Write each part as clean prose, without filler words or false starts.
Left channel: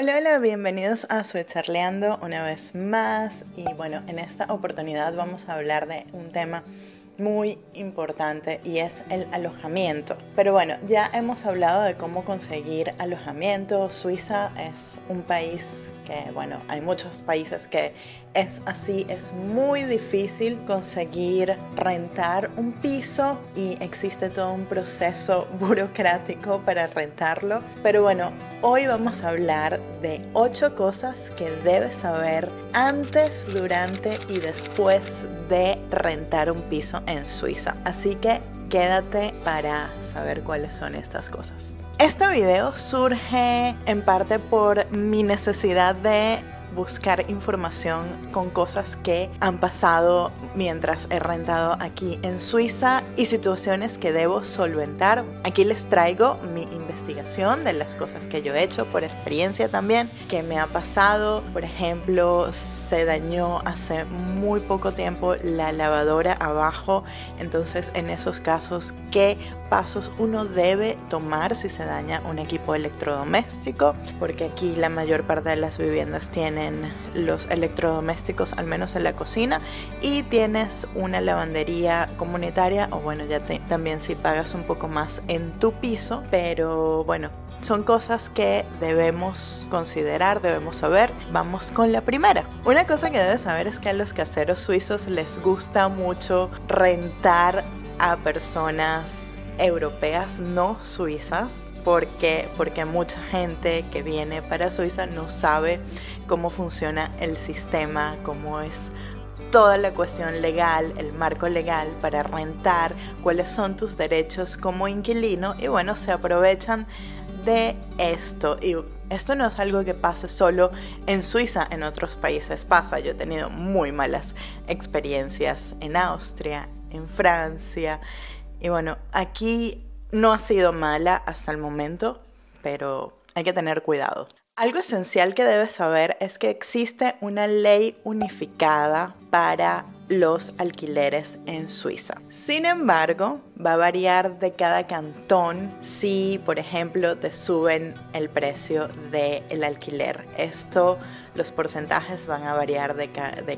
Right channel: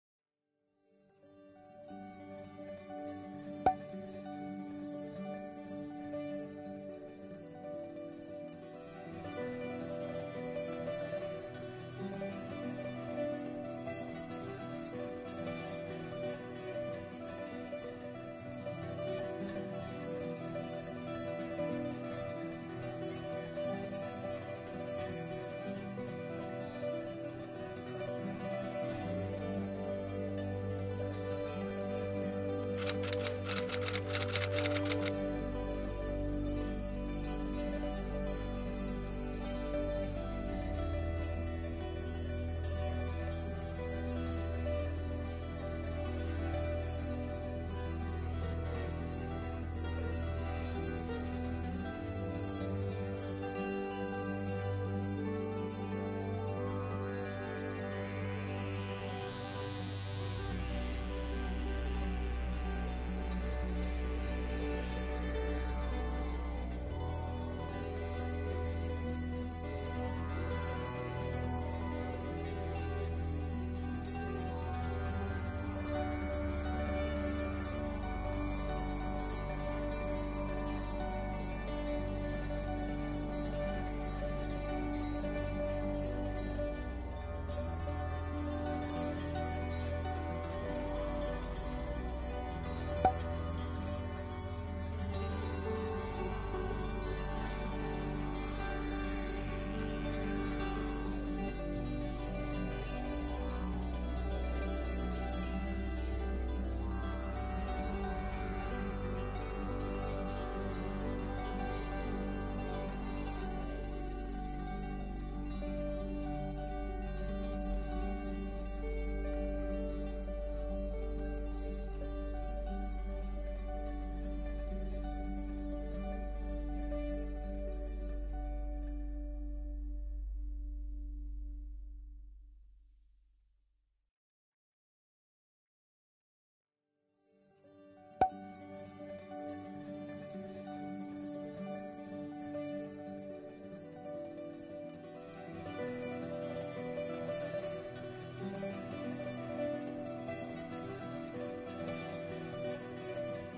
Hola, hola, bienvenidos a Suizarleando una vez más. Y bueno, en esta oportunidad vamos a hablar de un tema muy importante y es el alojamiento. Pero bueno, ya hemos hablado de cómo conseguir alojamiento. Suiza es un país que, bueno, hay muchos países que es así, es muy difícil conseguir rentar un piso y existe todo un proceso burocrático para rentarlo. Pero bueno, hoy vamos a hablar de 8 cosas que debes saber antes, durante y después de rentar un piso en Suiza. Así que quédate para saber cuáles son estas cosas. Este video surge en parte por mi necesidad de buscar información con cosas que han pasado mientras he rentado aquí en Suiza y situaciones que debo solventar. Aquí les traigo mi investigación de las cosas que yo he hecho por experiencia también, que me ha pasado. Por ejemplo, se dañó hace muy poco tiempo la lavadora abajo, entonces en esos casos, ¿qué pasos uno debe tomar si se daña un equipo electrodoméstico? Porque aquí la mayor parte de las viviendas tienen los electrodomésticos, al menos en la cocina, y tienes una lavandería comunitaria, o bueno, ya también si pagas un poco más en tu piso, pero bueno, son cosas que debemos considerar, debemos saber. Vamos con la primera. Una cosa que debes saber es que a los caseros suizos les gusta mucho rentar a personas europeas no suizas, porque mucha gente que viene para Suiza no sabe cómo funciona el sistema, cómo es toda la cuestión legal, el marco legal para rentar, cuáles son tus derechos como inquilino, y bueno, se aprovechan de esto. Y esto no es algo que pase solo en Suiza, en otros países pasa. Yo he tenido muy malas experiencias en Austria, en Francia, y bueno, aquí no ha sido mala hasta el momento, pero hay que tener cuidado. Algo esencial que debes saber es que existe una ley unificada para los alquileres en Suiza. Sin embargo, va a variar de cada cantón si, por ejemplo, te suben el precio del alquiler. Los porcentajes van a variar de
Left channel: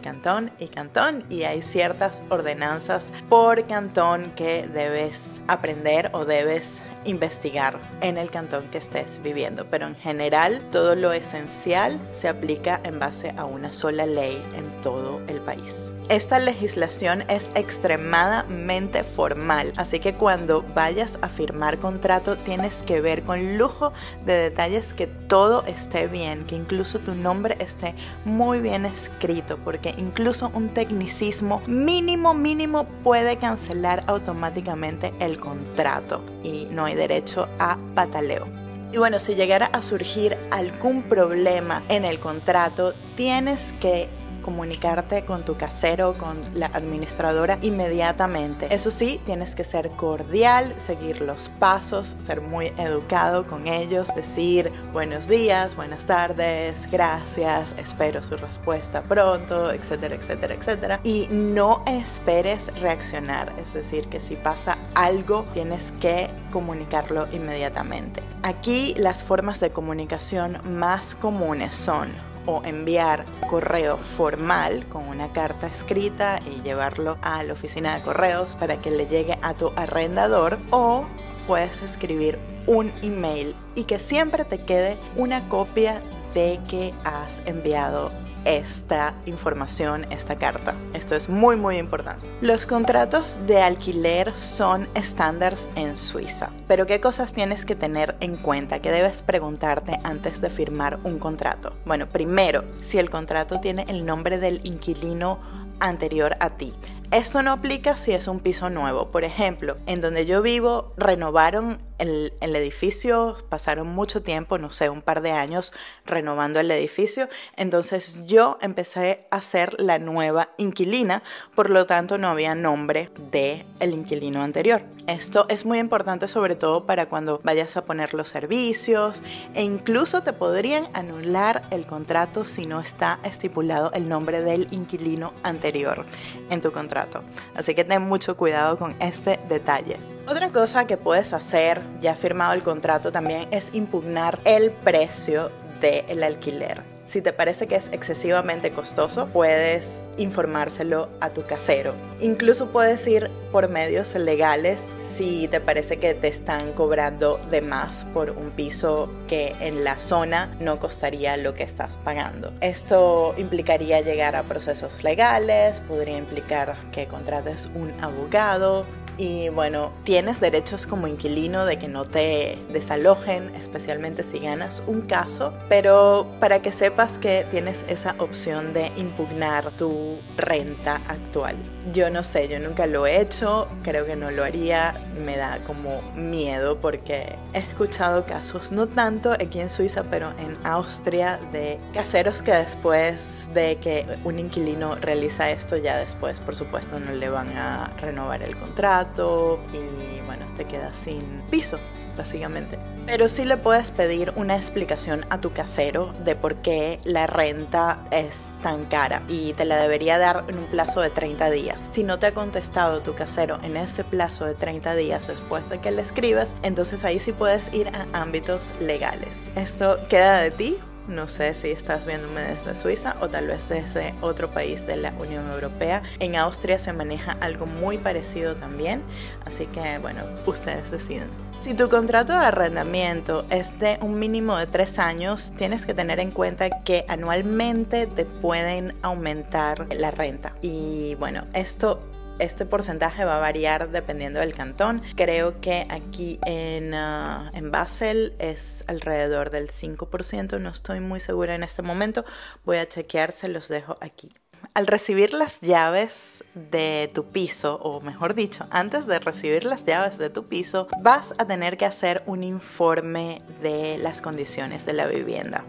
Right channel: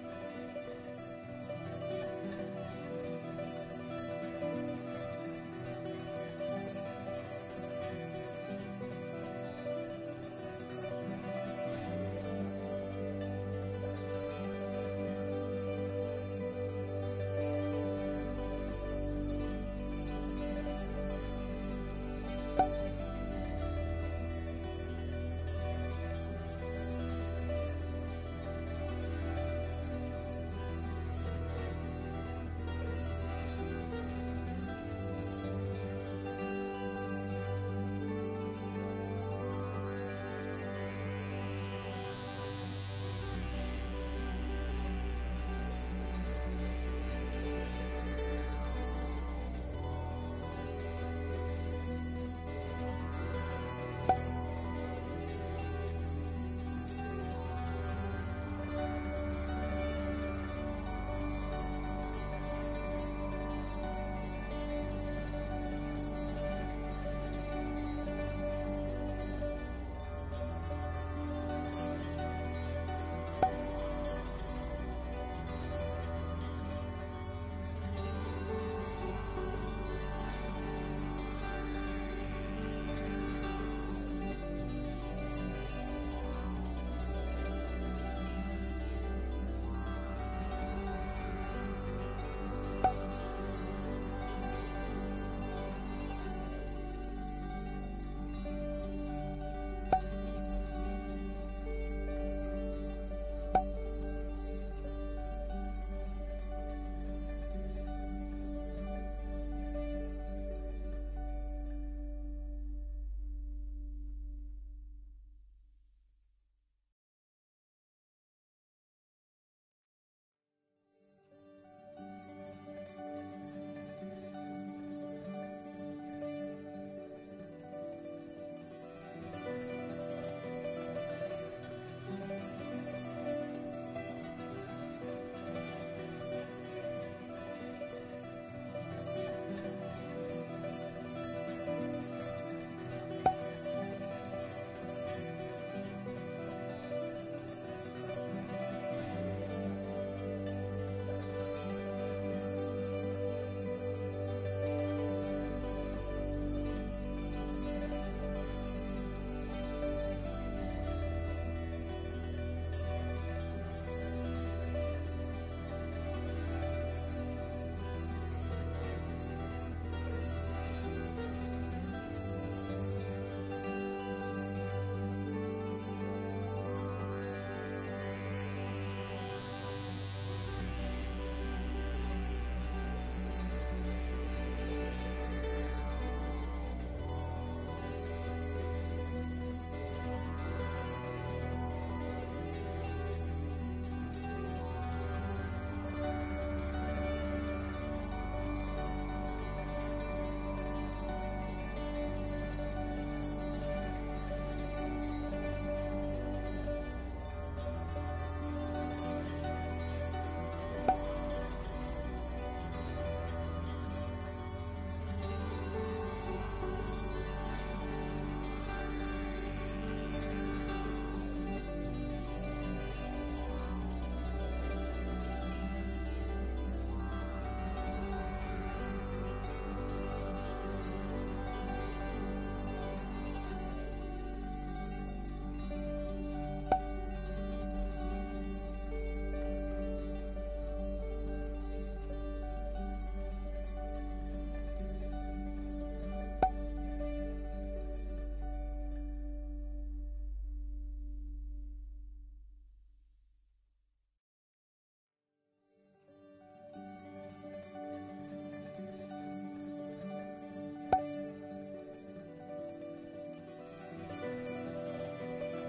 cantón y cantón, y hay ciertas ordenanzas por cantón que debes aprender o debes investigar en el cantón que estés viviendo, pero en general todo lo esencial se aplica en base a una sola ley en todo el país. Esta legislación es extremadamente formal, así que cuando vayas a firmar contrato tienes que ver con lujo de detalles que todo esté bien, que incluso tu nombre esté muy bien escrito, porque incluso un tecnicismo mínimo puede cancelar automáticamente el contrato y no hay derecho a pataleo. Y bueno, si llegara a surgir algún problema en el contrato, tienes que comunicarte con tu casero, con la administradora inmediatamente. Eso sí, tienes que ser cordial, seguir los pasos, ser muy educado con ellos, decir buenos días, buenas tardes, gracias, espero su respuesta pronto, etcétera, etcétera, etcétera. Y no esperes reaccionar, es decir, que si pasa algo tienes que comunicarlo inmediatamente. Aquí las formas de comunicación más comunes son o enviar correo formal con una carta escrita y llevarlo a la oficina de correos para que le llegue a tu arrendador, o puedes escribir un email y que siempre te quede una copia de que has enviado esta información, esta carta. Esto es muy importante. Los contratos de alquiler son estándares en Suiza, pero ¿qué cosas tienes que tener en cuenta? ¿Qué debes preguntarte antes de firmar un contrato? Bueno, primero, si el contrato tiene el nombre del inquilino anterior a ti. Esto no aplica si es un piso nuevo. Por ejemplo, en donde yo vivo renovaron el edificio, pasaron mucho tiempo, no sé, un par de años renovando el edificio, entonces yo empecé a ser la nueva inquilina, por lo tanto no había nombre del inquilino anterior. Esto es muy importante sobre todo para cuando vayas a poner los servicios, e incluso te podrían anular el contrato si no está estipulado el nombre del inquilino anterior en tu contrato. Así que ten mucho cuidado con este detalle. Otra cosa que puedes hacer, ya firmado el contrato, también es impugnar el precio del alquiler. Si te parece que es excesivamente costoso, puedes informárselo a tu casero. Incluso puedes ir por medios legales si te parece que te están cobrando de más por un piso que en la zona no costaría lo que estás pagando. Esto implicaría llegar a procesos legales, podría implicar que contrates un abogado. Y bueno, tienes derechos como inquilino de que no te desalojen, especialmente si ganas un caso, pero para que sepas que tienes esa opción de impugnar tu renta actual. Yo no sé, yo nunca lo he hecho, creo que no lo haría, me da como miedo porque he escuchado casos, no tanto aquí en Suiza, pero en Austria, de caseros que después de que un inquilino realiza esto, ya después, por supuesto, no le van a renovar el contrato y bueno, te quedas sin piso, básicamente. Pero sí le puedes pedir una explicación a tu casero de por qué la renta es tan cara y te la debería dar en un plazo de 30 días. Si no te ha contestado tu casero en ese plazo de 30 días después de que le escribas, entonces ahí sí puedes ir a ámbitos legales. Esto queda de ti. No sé si estás viéndome desde Suiza o tal vez desde otro país de la Unión Europea. En Austria se maneja algo muy parecido también, así que bueno, ustedes deciden. Si tu contrato de arrendamiento es de un mínimo de 3 años, tienes que tener en cuenta que anualmente te pueden aumentar la renta. Y bueno, este porcentaje va a variar dependiendo del cantón. Creo que aquí en Basel es alrededor del 5%. No estoy muy segura en este momento. Voy a chequear, se los dejo aquí. Al recibir las llaves de tu piso, o mejor dicho, antes de recibir las llaves de tu piso, vas a tener que hacer un informe de las condiciones de la vivienda.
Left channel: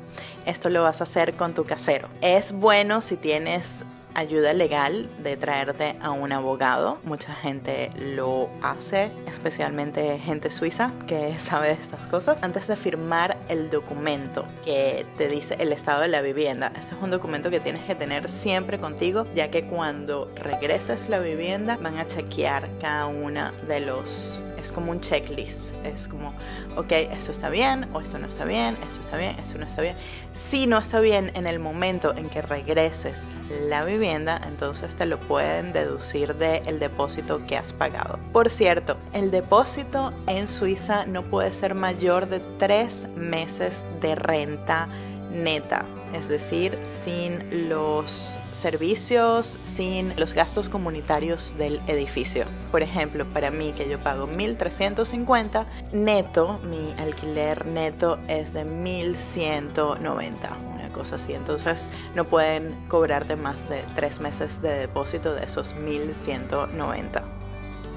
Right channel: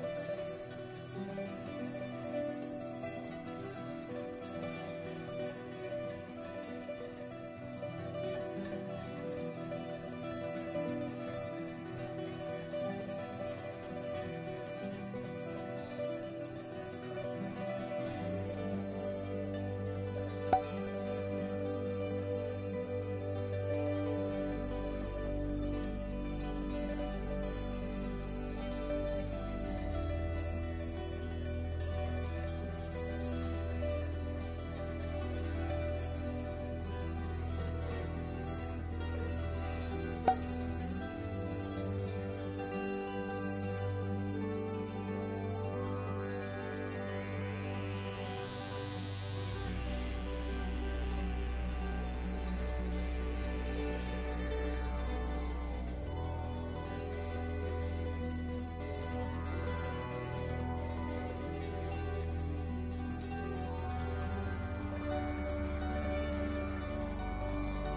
Esto lo vas a hacer con tu casero. Es bueno si tienes ayuda legal de traerte a un abogado. Mucha gente lo hace, especialmente gente suiza que sabe de estas cosas. Antes de firmar el documento que te dice el estado de la vivienda, este es un documento que tienes que tener siempre contigo, ya que cuando regreses la vivienda van a chequear cada una de los... Es como un checklist, es como, ok, esto está bien, o esto no está bien, esto está bien, esto no está bien. Si no está bien en el momento en que regreses la vivienda, entonces te lo pueden deducir del depósito que has pagado. Por cierto, el depósito en Suiza no puede ser mayor de 3 meses de renta neta, es decir, sin los servicios, sin los gastos comunitarios del edificio. Por ejemplo, para mí, que yo pago 1.350 neto, mi alquiler neto es de 1.190, una cosa así. Entonces no pueden cobrarte más de 3 meses de depósito de esos 1.190.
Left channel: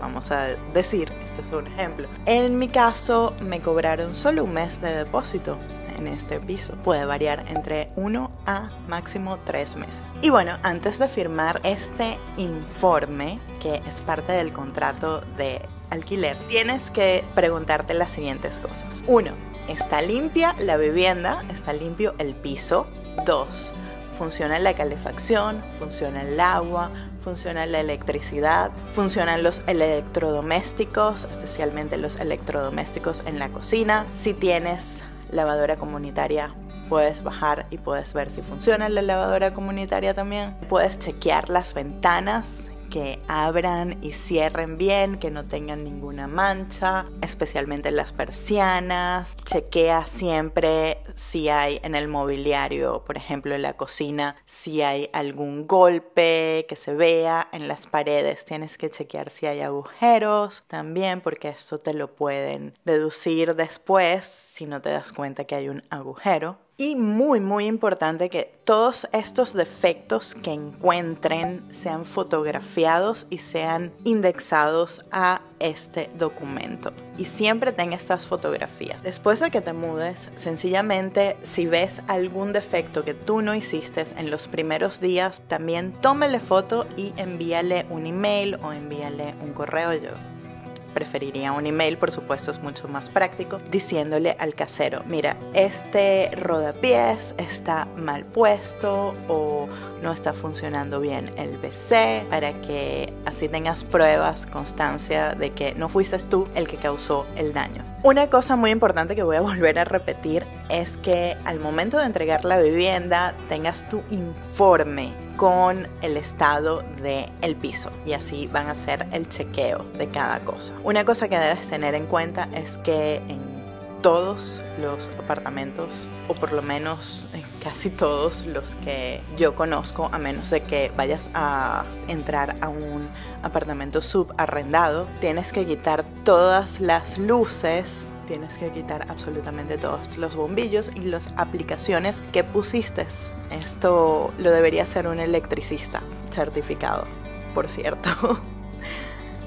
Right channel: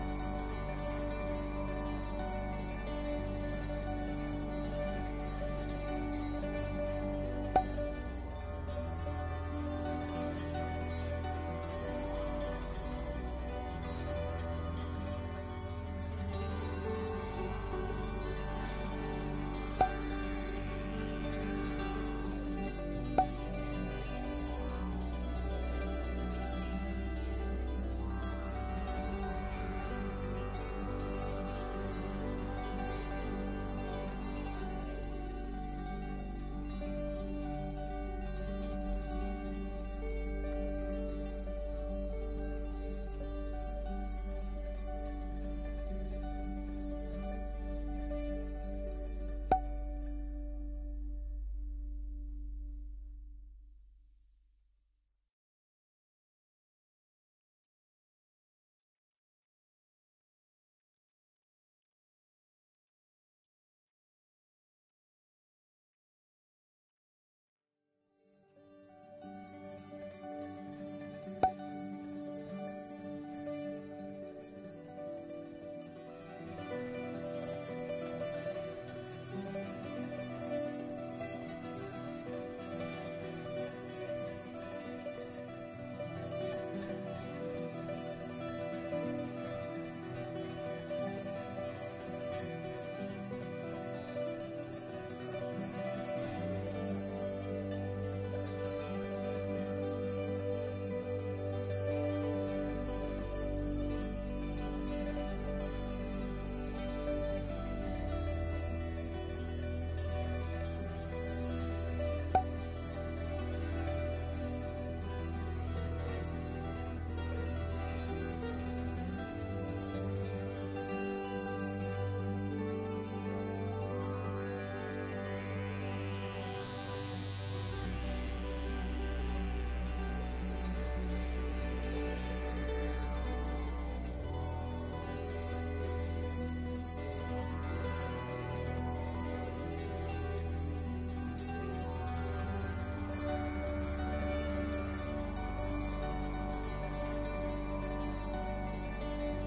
Vamos a decir, esto es un ejemplo. En mi caso me cobraron solo un mes de depósito en este piso. Puede variar entre 1 a máximo 3 meses. Y bueno, antes de firmar este informe, que es parte del contrato de alquiler, tienes que preguntarte las siguientes cosas. 1. ¿Está limpia la vivienda? ¿Está limpio el piso? 2. ¿Funciona la calefacción? ¿Funciona el agua? ¿Funciona la electricidad? ¿Funcionan los electrodomésticos? Especialmente los electrodomésticos en la cocina. Si tienes lavadora comunitaria, puedes bajar y puedes ver si funciona la lavadora comunitaria también. Puedes chequear las ventanas, que abran y cierren bien, que no tengan ninguna mancha, especialmente las persianas. Chequea siempre si hay en el mobiliario, por ejemplo en la cocina, si hay algún golpe que se vea en las paredes. Tienes que chequear si hay agujeros también, porque esto te lo pueden deducir después si no te das cuenta que hay un agujero. Y muy importante que todos estos defectos que encuentren sean fotografiados y sean indexados a este documento. Y siempre ten estas fotografías. Después de que te mudes, sencillamente si ves algún defecto que tú no hiciste en los primeros días, también tómale foto y envíale un email o envíale un correo. Yo preferiría un email, por supuesto es mucho más práctico, diciéndole al casero, mira, este rodapiés está mal puesto o no está funcionando bien el PC, para que así tengas pruebas, constancia de que no fuiste tú el que causó el daño. Una cosa muy importante que voy a volver a repetir es que al momento de entregar la vivienda tengas tu informe con el estado del piso y así van a hacer el chequeo de cada cosa. Una cosa que debes tener en cuenta es que en todos los apartamentos, o por lo menos en casi todos los que yo conozco, a menos de que vayas a entrar a un apartamento subarrendado, tienes que quitar todas las luces, tienes que quitar absolutamente todos los bombillos y las aplicaciones que pusiste. Esto lo debería hacer un electricista certificado, por cierto.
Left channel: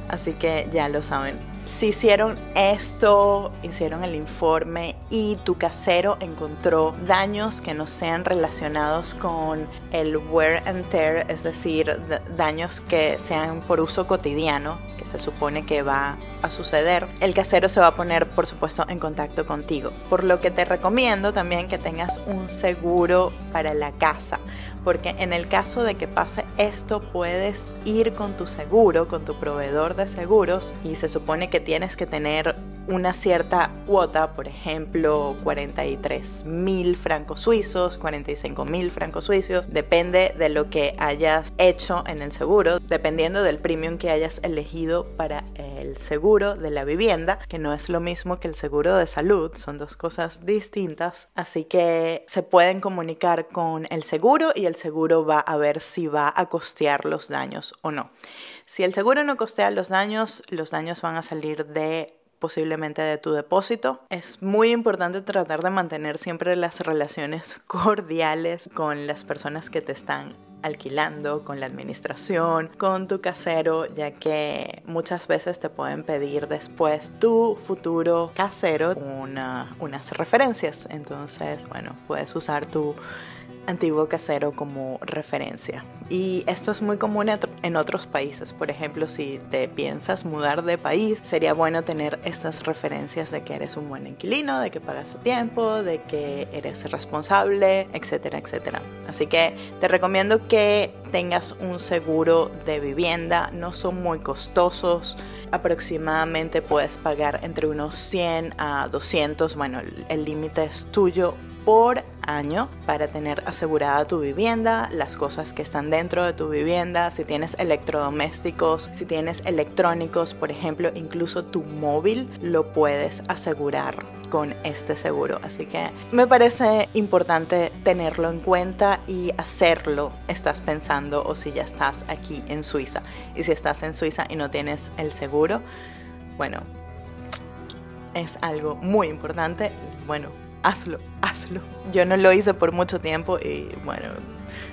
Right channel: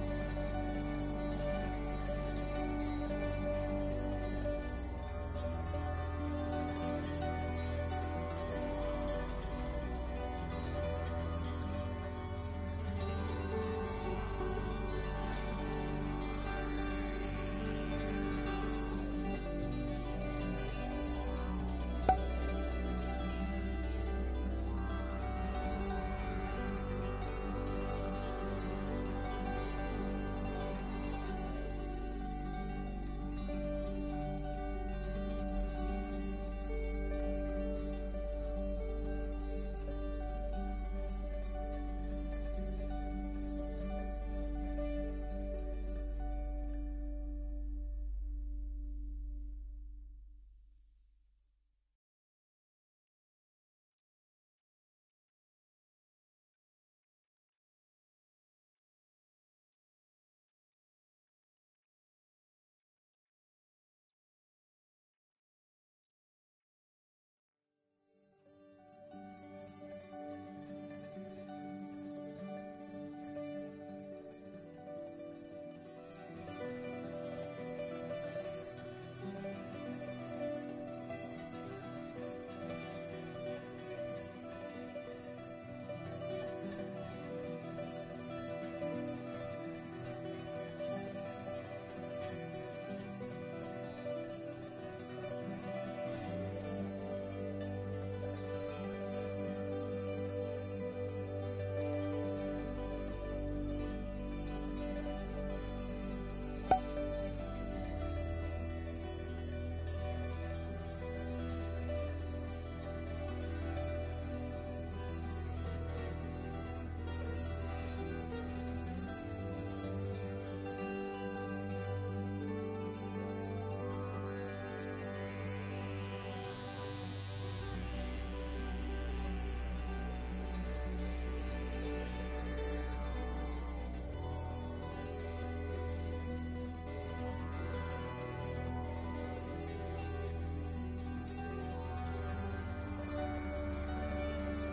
Así que ya lo saben. Si hicieron esto, hicieron el informe y tu casero encontró daños que no sean relacionados con el wear and tear, es decir, daños que sean por uso cotidiano, que se supone que va a suceder, el casero se va a poner, por supuesto, en contacto contigo. Por lo que te recomiendo también que tengas un seguro para la casa, porque en el caso de que pase esto, puedes ir con tu seguro, con tu proveedor de seguros, y se supone que tienes que tener una cierta cuota, por ejemplo 43.000 francos suizos, 45.000 francos suizos, depende de lo que hayas hecho en el seguro, dependiendo del premium que hayas elegido para el seguro de la vivienda, que no es lo mismo que el seguro de salud, son dos cosas distintas, así que se pueden comunicar con el seguro y el seguro va a ver si va a costear los daños o no. Si el seguro no costea los daños van a salir posiblemente de tu depósito. Es muy importante tratar de mantener siempre las relaciones cordiales con las personas que te están alquilando, con la administración, con tu casero, ya que muchas veces te pueden pedir después tu futuro casero unas referencias. Entonces, bueno, puedes usar tu antiguo casero como referencia. Y esto es muy común en otros países. Por ejemplo, si te piensas mudar de país, sería bueno tener estas referencias de que eres un buen inquilino, de que pagas a tiempo, de que eres responsable, etcétera, etcétera. Así que te recomiendo que tengas un seguro de vivienda. No son muy costosos. Aproximadamente puedes pagar entre unos 100 a 200, bueno, el límite es tuyo, por año, para tener asegurada tu vivienda, las cosas que están dentro de tu vivienda, si tienes electrodomésticos, si tienes electrónicos, por ejemplo, incluso tu móvil lo puedes asegurar con este seguro. Así que me parece importante tenerlo en cuenta y hacerlo. Estás pensando, o si ya estás aquí en Suiza, y si estás en Suiza y no tienes el seguro, bueno, es algo muy importante. Bueno, hazlo. Yo no lo hice por mucho tiempo y bueno,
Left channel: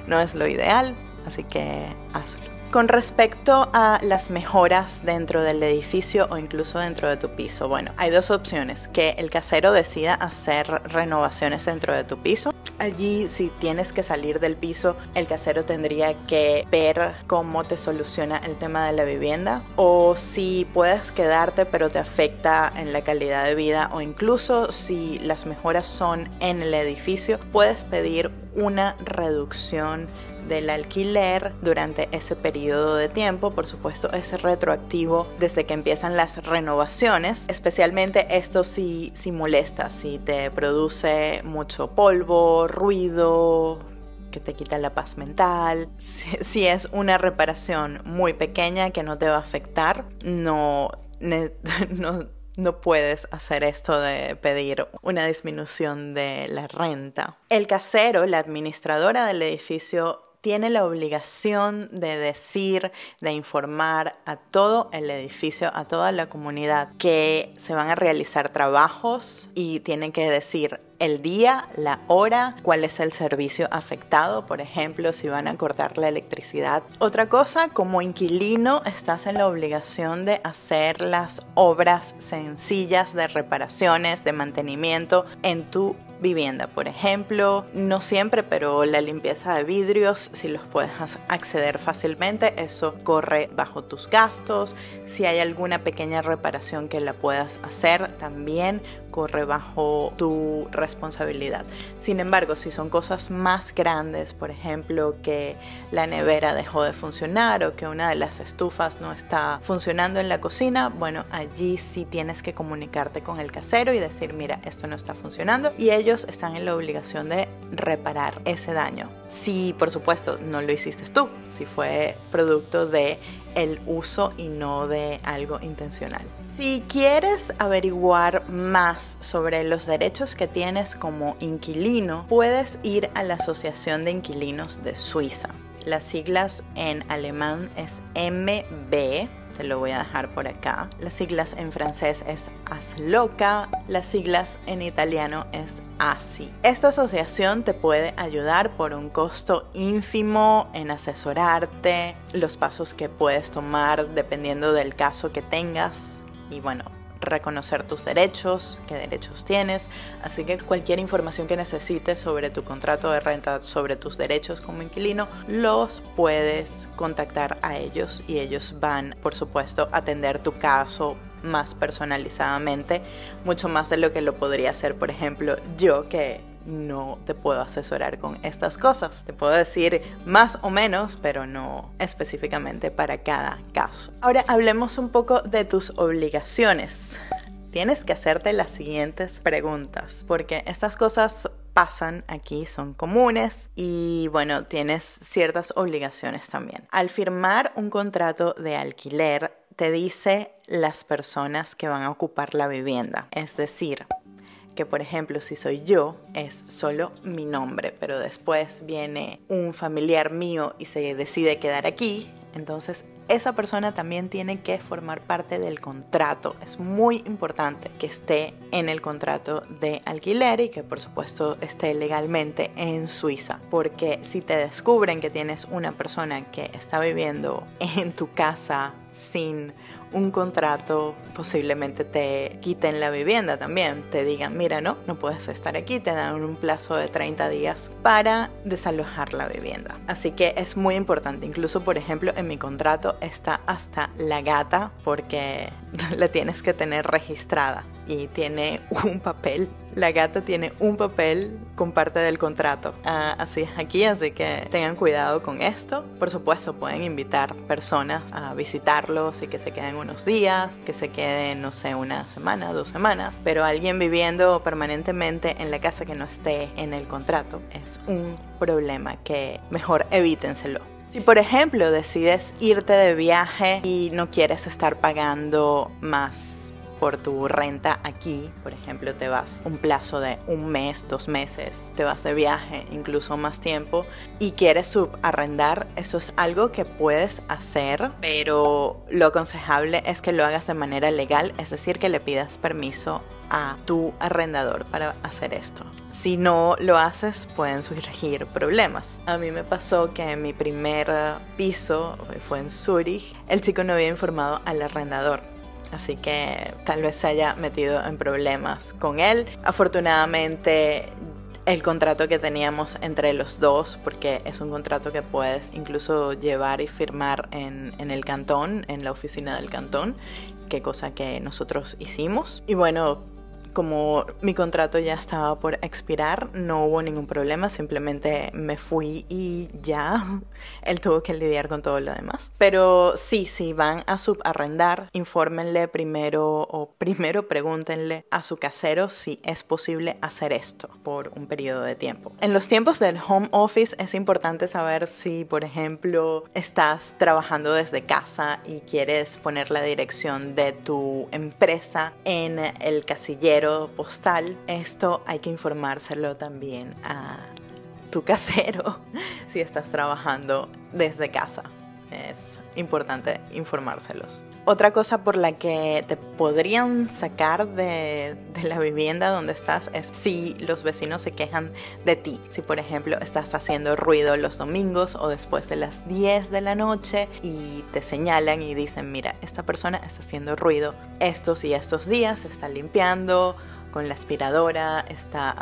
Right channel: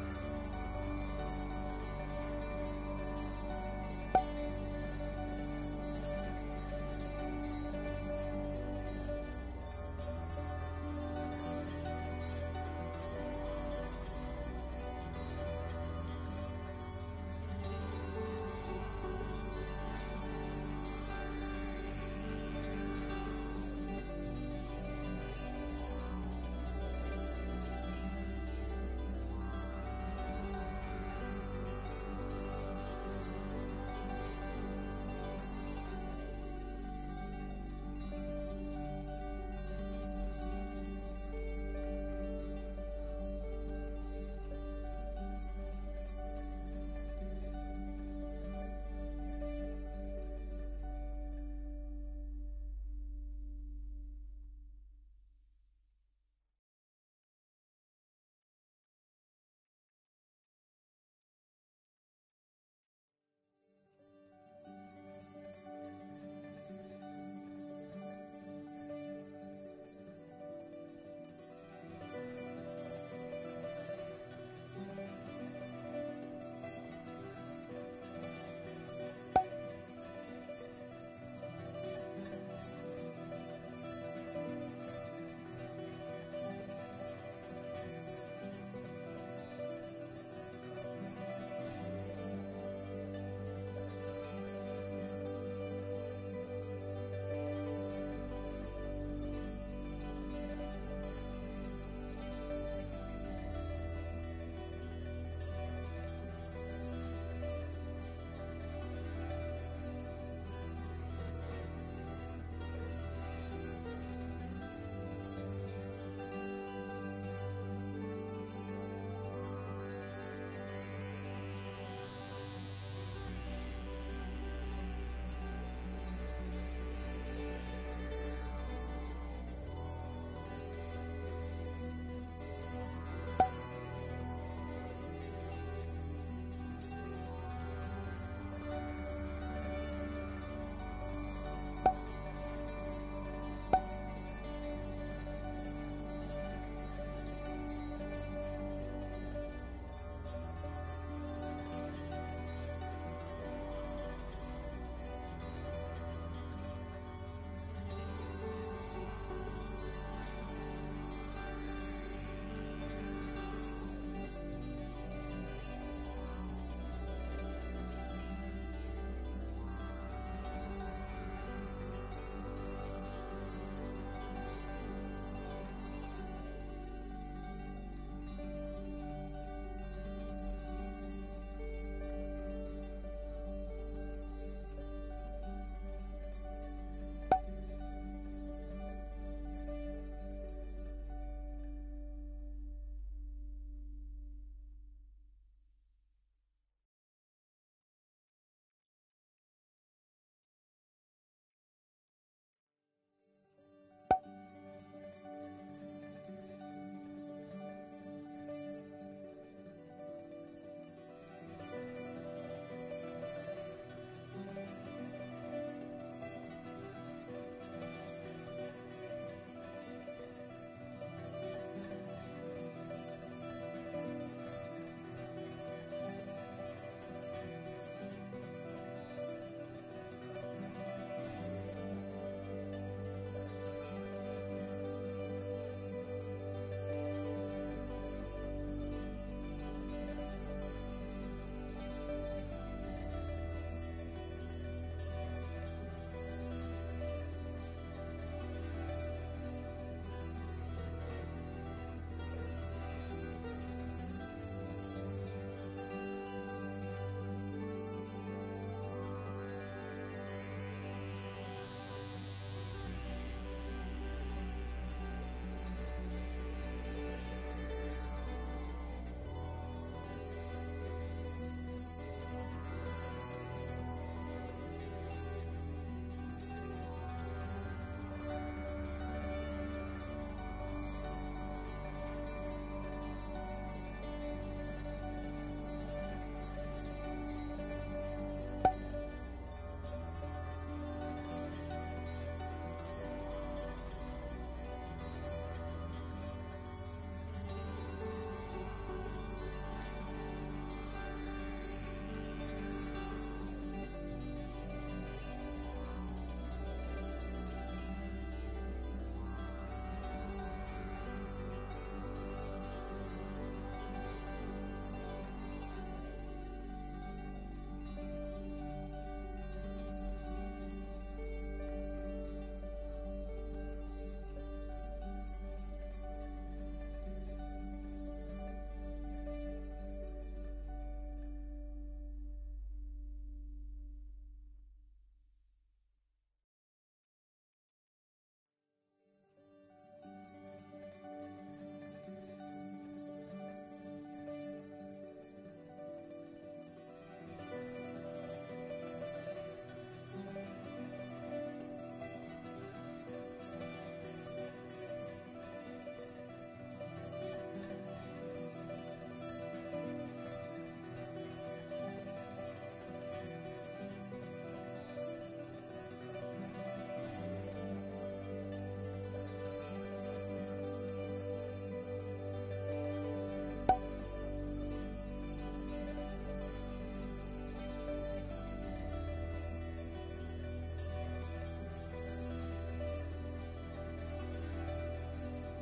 no es lo ideal, así que hazlo. Con respecto a las mejoras dentro del edificio o incluso dentro de tu piso, bueno, hay dos opciones: que el casero decida hacer renovaciones dentro de tu piso. Allí, si tienes que salir del piso, el casero tendría que ver cómo te soluciona el tema de la vivienda, o si puedes quedarte pero te afecta en la calidad de vida, o incluso si las mejoras son en el edificio, puedes pedir una reducción del alquiler durante ese periodo de tiempo. Por supuesto, es retroactivo desde que empiezan las renovaciones. Especialmente esto si molesta, si te produce mucho polvo, ruido, que te quita la paz mental. Si es una reparación muy pequeña que no te va a afectar, no puedes hacer esto de pedir una disminución de la renta. El casero, la administradora del edificio, tiene la obligación de decir, de informar a todo el edificio, a toda la comunidad, que se van a realizar trabajos, y tienen que decir el día, la hora, cuál es el servicio afectado, por ejemplo, si van a cortar la electricidad. Otra cosa, como inquilino estás en la obligación de hacer las obras sencillas de reparaciones, de mantenimiento en tu vivienda. Por ejemplo, no siempre, pero la limpieza de vidrios, si los puedes acceder fácilmente, eso corre bajo tus gastos. Si hay alguna pequeña reparación que la puedas hacer, también corre bajo tu responsabilidad. Sin embargo, si son cosas más grandes, por ejemplo, que la nevera dejó de funcionar o que una de las estufas no está funcionando en la cocina, bueno, allí sí tienes que comunicarte con el casero y decir, mira, esto no está funcionando, y ellos están en la obligación de reparar ese daño. Si, por supuesto, no lo hiciste tú, si fue producto de el uso y no de algo intencional. Si quieres averiguar más sobre los derechos que tienes como inquilino, puedes ir a la Asociación de Inquilinos de Suiza. Las siglas en alemán es MB, te lo voy a dejar por acá. Las siglas en francés es ASLOCA, las siglas en italiano es ASI. Esta asociación te puede ayudar por un costo ínfimo en asesorarte, los pasos que puedes tomar dependiendo del caso que tengas y bueno, reconocer tus derechos, qué derechos tienes. Así que cualquier información que necesites sobre tu contrato de renta, sobre tus derechos como inquilino, los puedes contactar a ellos y ellos van, por supuesto, a atender tu caso más personalizadamente, mucho más de lo que lo podría hacer, por ejemplo, yo, que no te puedo asesorar con estas cosas. Te puedo decir más o menos, pero no específicamente para cada caso. Ahora hablemos un poco de tus obligaciones. Tienes que hacerte las siguientes preguntas, porque estas cosas pasan aquí, son comunes y bueno, tienes ciertas obligaciones también. Al firmar un contrato de alquiler, te dice las personas que van a ocupar la vivienda, es decir, que por ejemplo si soy yo es solo mi nombre, pero después viene un familiar mío y se decide quedar aquí, entonces esa persona también tiene que formar parte del contrato. Es muy importante que esté en el contrato de alquiler y que por supuesto esté legalmente en Suiza, porque si te descubren que tienes una persona que está viviendo en tu casa sin un contrato, posiblemente te quiten la vivienda también, te digan, mira, no puedes estar aquí, te dan un plazo de 30 días para desalojar la vivienda. Así que es muy importante, incluso por ejemplo en mi contrato está hasta la gata, porque la tienes que tener registrada y tiene un papel. La gata tiene un papel con parte del contrato. Así es aquí, así que tengan cuidado con esto. Por supuesto, pueden invitar personas a visitarlos y que se queden unos días, que se queden, no sé, una semana, 2 semanas, pero alguien viviendo permanentemente en la casa que no esté en el contrato es un problema que mejor evítenselo. Si por ejemplo decides irte de viaje y no quieres estar pagando más por tu renta aquí, por ejemplo te vas un plazo de 1 mes, 2 meses, te vas de viaje incluso más tiempo y quieres subarrendar, eso es algo que puedes hacer, pero lo aconsejable es que lo hagas de manera legal, es decir, que le pidas permiso a tu arrendador para hacer esto. Si no lo haces, pueden surgir problemas. A mí me pasó que en mi primer piso, fue en Zurich, el chico no había informado al arrendador. Así que tal vez se haya metido en problemas con él. Afortunadamente, el contrato que teníamos entre los dos, porque es un contrato que puedes incluso llevar y firmar en el cantón, en la oficina del cantón, que cosa que nosotros hicimos. Y bueno, como mi contrato ya estaba por expirar, no hubo ningún problema, simplemente me fui y ya, él tuvo que lidiar con todo lo demás. Pero sí, si van a subarrendar, infórmenle primero pregúntenle a su casero si es posible hacer esto por un periodo de tiempo. En los tiempos del home office es importante saber si, por ejemplo, estás trabajando desde casa y quieres poner la dirección de tu empresa en el casillero postal. Esto hay que informárselo también a tu casero si estás trabajando desde casa. Es importante informárselos. Otra cosa por la que te podrían sacar de la vivienda donde estás es si los vecinos se quejan de ti. Si por ejemplo estás haciendo ruido los domingos o después de las 10 de la noche y te señalan y dicen, mira, esta persona está haciendo ruido estos y estos días, está limpiando con la aspiradora, está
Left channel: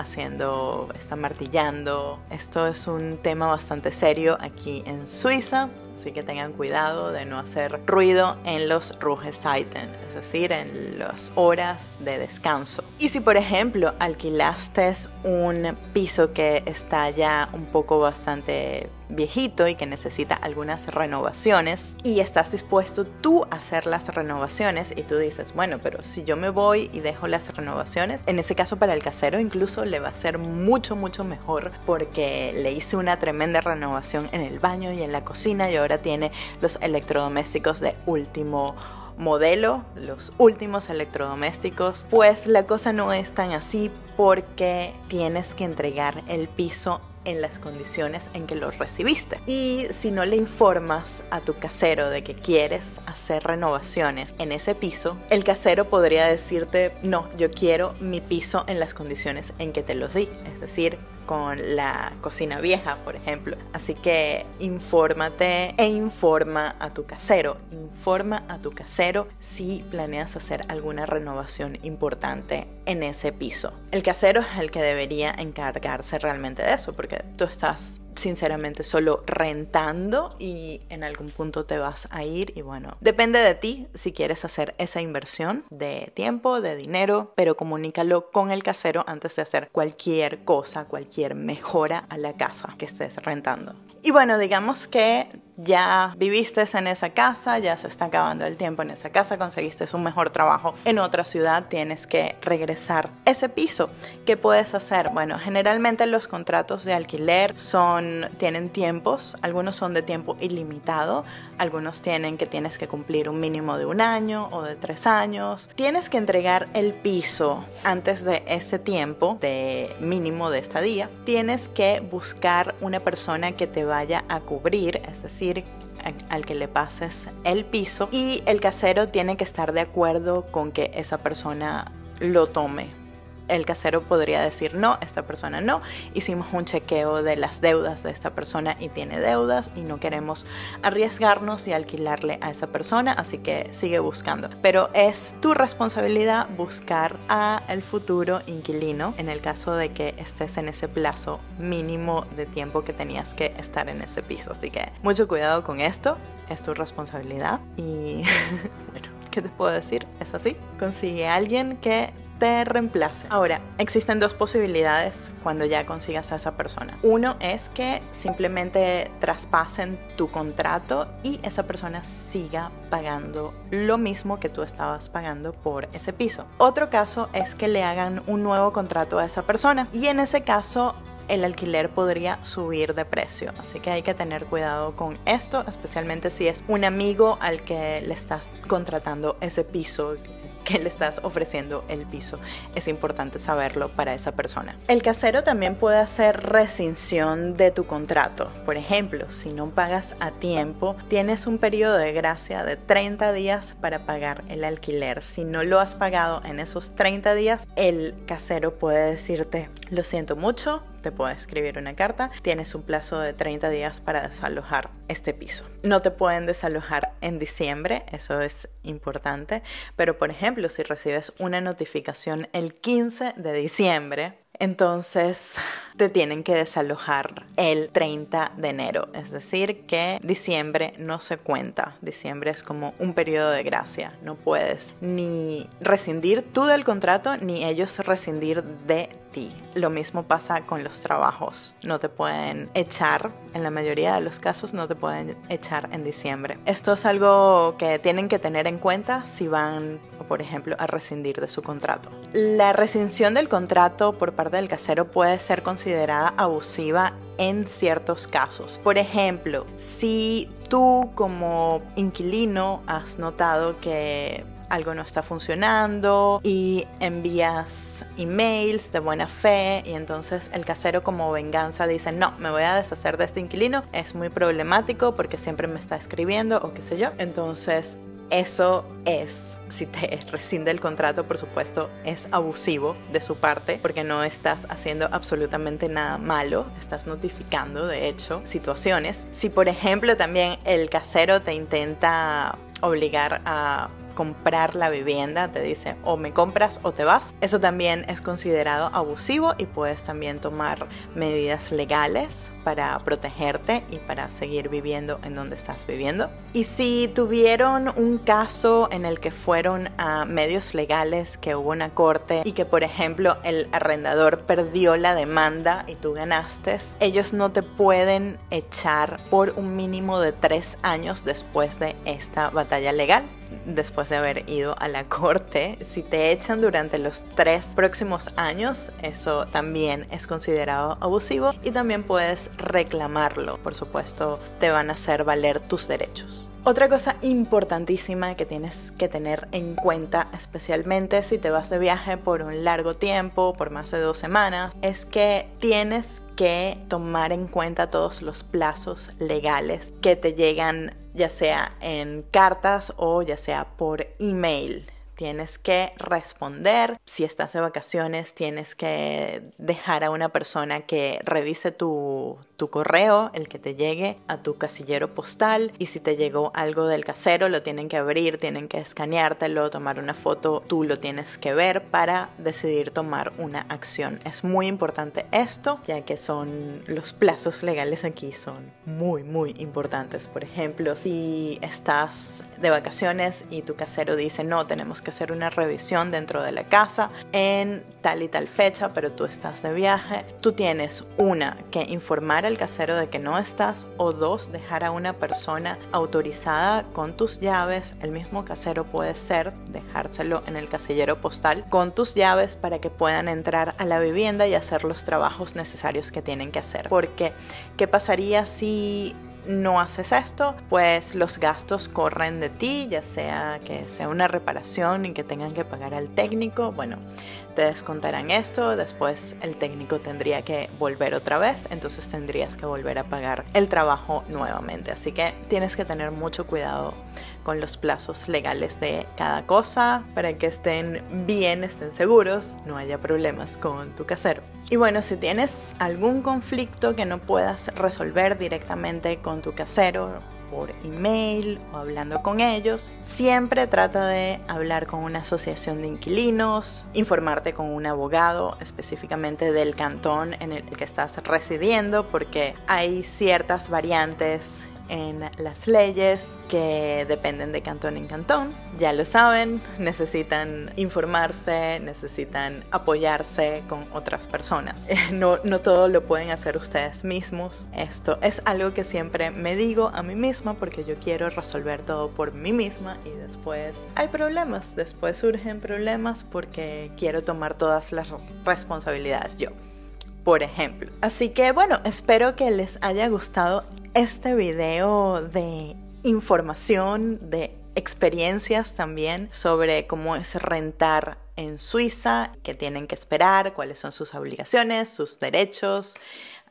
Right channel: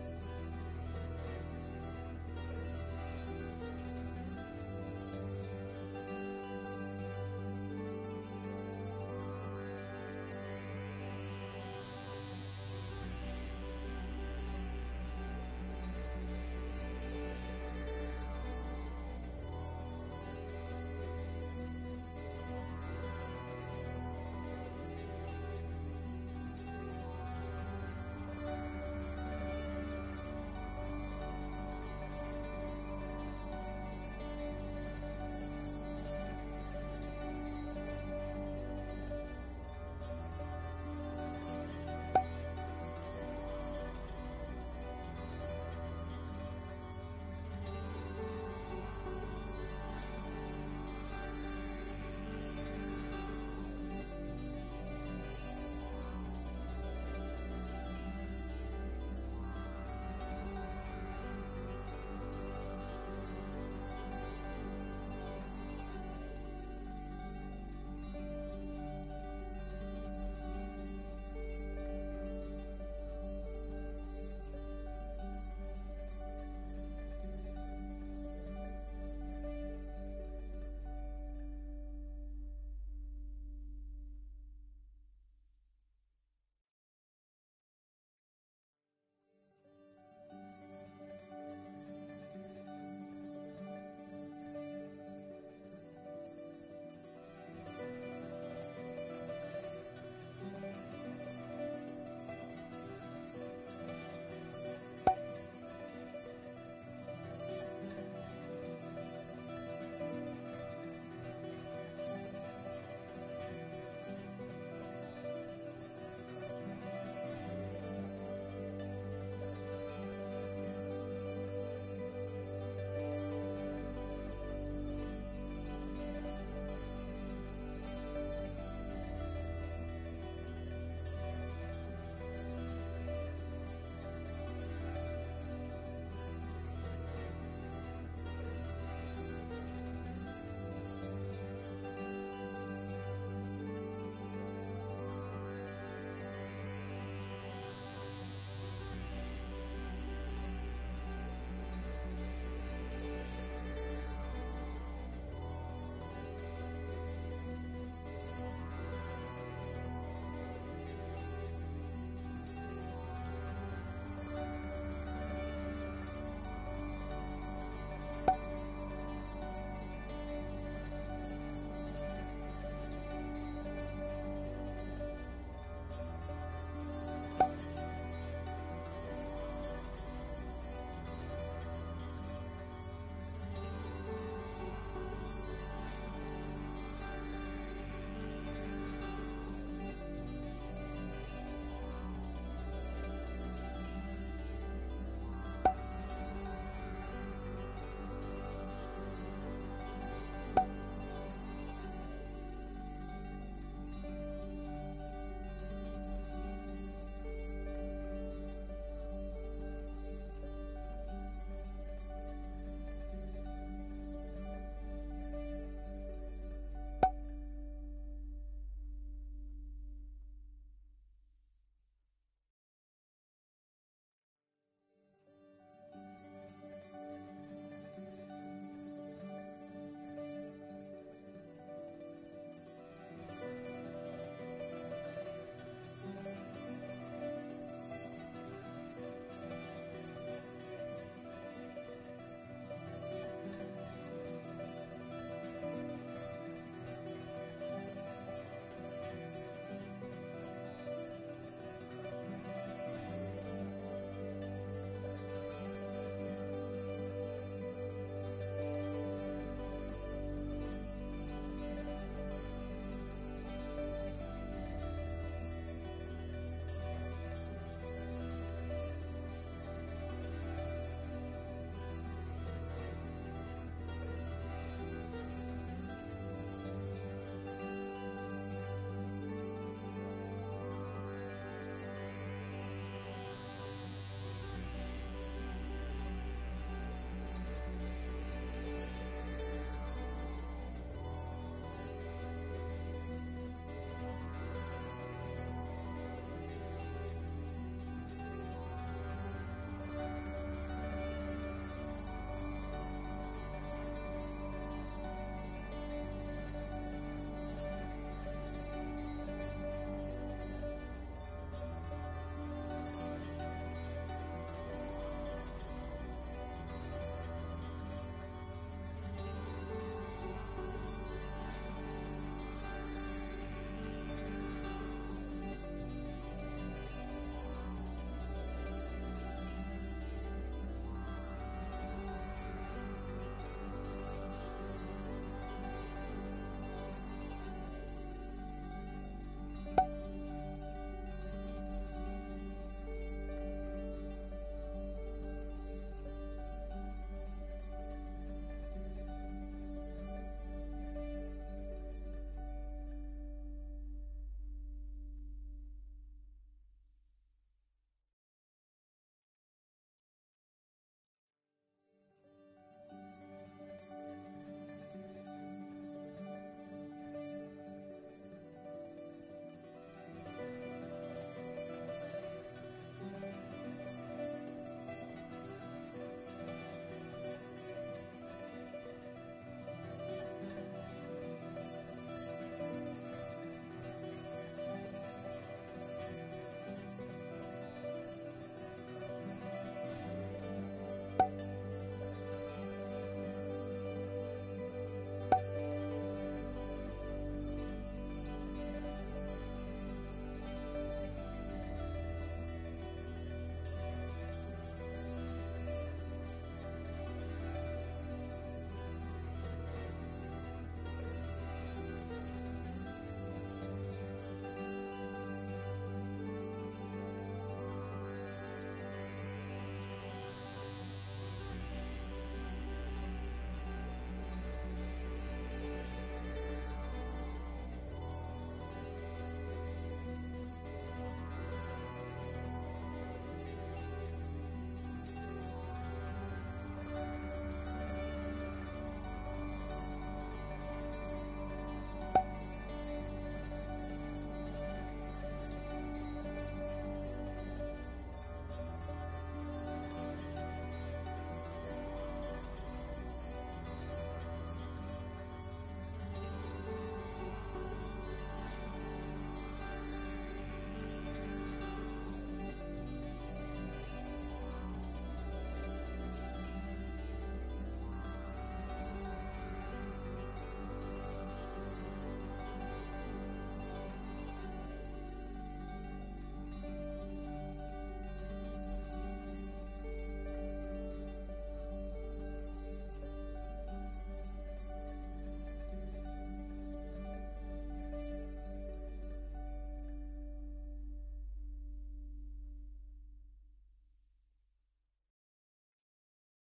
martillando. Esto es un tema bastante serio aquí en Suiza, así que tengan cuidado de no hacer ruido en los Ruhezeiten, es decir, en las horas de descanso. Y si por ejemplo alquilaste un piso que está ya un poco bastante viejito y que necesita algunas renovaciones y estás dispuesto tú a hacer las renovaciones y tú dices, bueno, pero si yo me voy y dejo las renovaciones, en ese caso para el casero incluso le va a ser mucho mejor porque le hice una tremenda renovación en el baño y en la cocina y ahora tiene los electrodomésticos de último modelo, los últimos electrodomésticos. Pues la cosa no es tan así porque tienes que entregar el piso en las condiciones en que lo recibiste. Y si no le informas a tu casero de que quieres hacer renovaciones en ese piso, el casero podría decirte, no, yo quiero mi piso en las condiciones en que te los di, es decir, con la cocina vieja, por ejemplo. Así que infórmate e informa a tu casero. Informa a tu casero si planeas hacer alguna renovación importante en ese piso. El casero es el que debería encargarse realmente de eso, porque tú estás sinceramente solo rentando y en algún punto te vas a ir y bueno, depende de ti si quieres hacer esa inversión de tiempo, de dinero, pero comunícalo con el casero antes de hacer cualquier cosa, cualquier mejora a la casa que estés rentando. Y bueno, digamos que ya viviste en esa casa, ya se está acabando el tiempo en esa casa, conseguiste un mejor trabajo en otra ciudad, tienes que regresar ese piso. ¿Qué puedes hacer? Bueno, generalmente los contratos de alquiler tienen tiempos, algunos son de tiempo ilimitado, algunos tienen que tienes que cumplir un mínimo de 1 año o de 3 años. Tienes que entregar el piso antes de ese tiempo de mínimo de estadía. Tienes que buscar una persona que te vaya a cubrir, es decir, al que le pases el piso, y el casero tiene que estar de acuerdo con que esa persona lo tome. El casero podría decir, no, esta persona no, hicimos un chequeo de las deudas de esta persona y tiene deudas y no queremos arriesgarnos y alquilarle a esa persona, así que sigue buscando. Pero es tu responsabilidad buscar al futuro inquilino en el caso de que estés en ese plazo mínimo de tiempo que tenías que estar en ese piso. Así que mucho cuidado con esto, es tu responsabilidad y bueno, ¿qué te puedo decir? Es así, consigue a alguien que te reemplace. Ahora, existen 2 posibilidades cuando ya consigas a esa persona. Uno es que simplemente traspasen tu contrato y esa persona siga pagando lo mismo que tú estabas pagando por ese piso. Otro caso es que le hagan un nuevo contrato a esa persona y en ese caso el alquiler podría subir de precio, así que hay que tener cuidado con esto, especialmente si es un amigo al que le estás contratando ese piso, que le estás ofreciendo el piso. Es importante saberlo para esa persona. El casero también puede hacer rescisión de tu contrato. Por ejemplo, si no pagas a tiempo, tienes un periodo de gracia de 30 días para pagar el alquiler. Si no lo has pagado en esos 30 días, el casero puede decirte, lo siento mucho, te puede escribir una carta, tienes un plazo de 30 días para desalojar este piso. No te pueden desalojar en diciembre, eso es importante, pero por ejemplo, si recibes una notificación el 15 de diciembre, entonces te tienen que desalojar el 30 de enero, es decir que diciembre no se cuenta, diciembre es como un periodo de gracia, no puedes ni rescindir tú del contrato ni ellos rescindir de ti. Lo mismo pasa con los trabajos, no te pueden echar, en la mayoría de los casos no te pueden echar en diciembre. Esto es algo que tienen que tener en cuenta si van, por ejemplo, a rescindir de su contrato. La rescisión del contrato por parte del casero puede ser considerada abusiva en ciertos casos. Por ejemplo, si tú como inquilino has notado que algo no está funcionando y envías emails de buena fe y entonces el casero como venganza dice, no, me voy a deshacer de este inquilino, es muy problemático porque siempre me está escribiendo o qué sé yo. Entonces eso es, si te rescinde el contrato, por supuesto, es abusivo de su parte porque no estás haciendo absolutamente nada malo, estás notificando de hecho situaciones. Si por ejemplo también el casero te intenta obligar a comprar la vivienda, te dice o me compras o te vas. Eso también es considerado abusivo y puedes también tomar medidas legales para protegerte y para seguir viviendo en donde estás viviendo. Y si tuvieron un caso en el que fueron a medios legales, que hubo una corte y que por ejemplo el arrendador perdió la demanda y tú ganaste, ellos no te pueden echar por un mínimo de 3 años después de esta batalla legal. Después de haber ido a la corte, si te echan durante los 3 próximos años, eso también es considerado abusivo y también puedes reclamarlo. Por supuesto, te van a hacer valer tus derechos. Otra cosa importantísima que tienes que tener en cuenta, especialmente si te vas de viaje por un largo tiempo, por más de 2 semanas, es que tienes que tomar en cuenta todos los plazos legales que te llegan, ya sea en cartas o ya sea por email. Tienes que responder. Si estás de vacaciones, tienes que dejar a una persona que revise tu correo, el que te llegue a tu casillero postal. Y si te llegó algo del casero, lo tienen que abrir, tienen que escaneártelo, tomar una foto. Tú lo tienes que ver para decidir tomar una acción. Es muy importante esto, ya que los plazos legales aquí son muy, muy importantes. Por ejemplo, si estás de vacaciones y tu casero dice no, tenemos que hacer una revisión dentro de la casa en tal y tal fecha, pero tú estás de viaje, tú tienes que informar al casero de que no estás, o 2, dejar a una persona autorizada con tus llaves. El mismo casero puede ser dejárselo en el casillero postal con tus llaves para que puedan entrar a la vivienda y hacer los trabajos necesarios que tienen que hacer. Porque ¿qué pasaría si no haces esto? Pues los gastos corren de ti, ya sea que sea una reparación y que tengan que pagar al técnico. Bueno, te descontarán esto, después el técnico tendría que volver otra vez, entonces tendrías que volver a pagar el trabajo nuevamente. Así que tienes que tener mucho cuidado con los plazos legales de cada cosa para que estén bien, estén seguros, no haya problemas con tu casero. Y bueno, si tienes algún conflicto que no puedas resolver directamente con tu casero, por email o hablando con ellos, siempre trata de hablar con una asociación de inquilinos, informarte con un abogado específicamente del cantón en el que estás residiendo, porque hay ciertas variantes en las leyes que dependen de cantón en cantón. Ya lo saben, necesitan informarse, necesitan apoyarse con otras personas. No todo lo pueden hacer ustedes mismos. Esto es algo que siempre me digo a mí misma porque yo quiero resolver todo por mí misma y después hay problemas, después surgen problemas porque quiero tomar todas las responsabilidades yo, por ejemplo. Así que bueno, espero que les haya gustado este video de información, de experiencias también sobre cómo es rentar en Suiza, qué tienen que esperar, cuáles son sus obligaciones, sus derechos.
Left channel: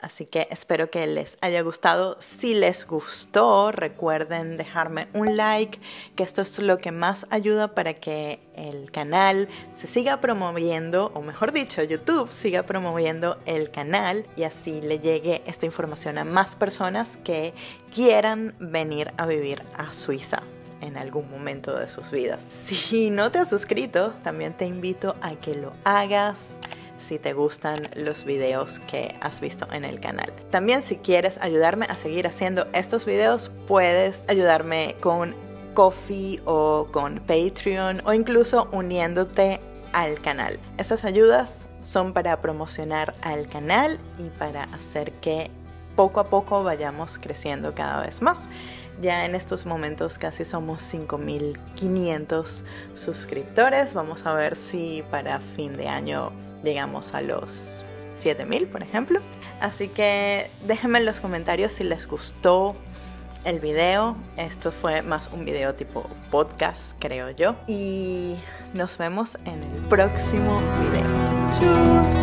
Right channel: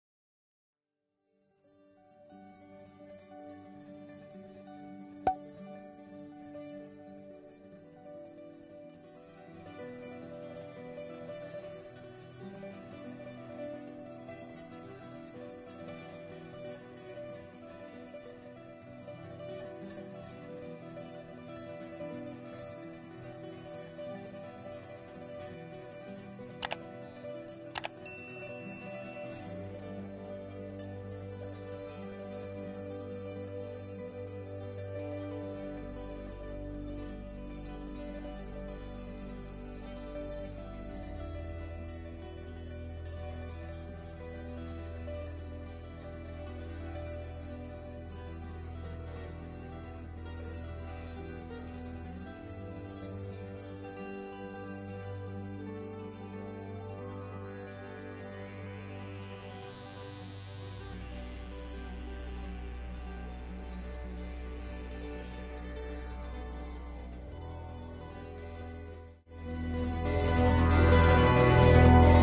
Así que espero que les haya gustado. Si les gustó, recuerden dejarme un like, que esto es lo que más ayuda para que el canal se siga promoviendo, o mejor dicho, YouTube siga promoviendo el canal y así le llegue esta información a más personas que quieran venir a vivir a Suiza en algún momento de sus vidas. Si no te has suscrito, también te invito a que lo hagas si te gustan los videos que has visto en el canal. También, si quieres ayudarme a seguir haciendo estos videos, puedes ayudarme con Ko-fi o con Patreon o incluso uniéndote al canal. Estas ayudas son para promocionar al canal y para hacer que poco a poco vayamos creciendo cada vez más. Ya en estos momentos casi somos 5.500 suscriptores. Vamos a ver si para fin de año llegamos a los 7.000, por ejemplo. Así que déjenme en los comentarios si les gustó el video. Esto fue más un video tipo podcast, creo yo. Y nos vemos en el próximo video. ¡Chau!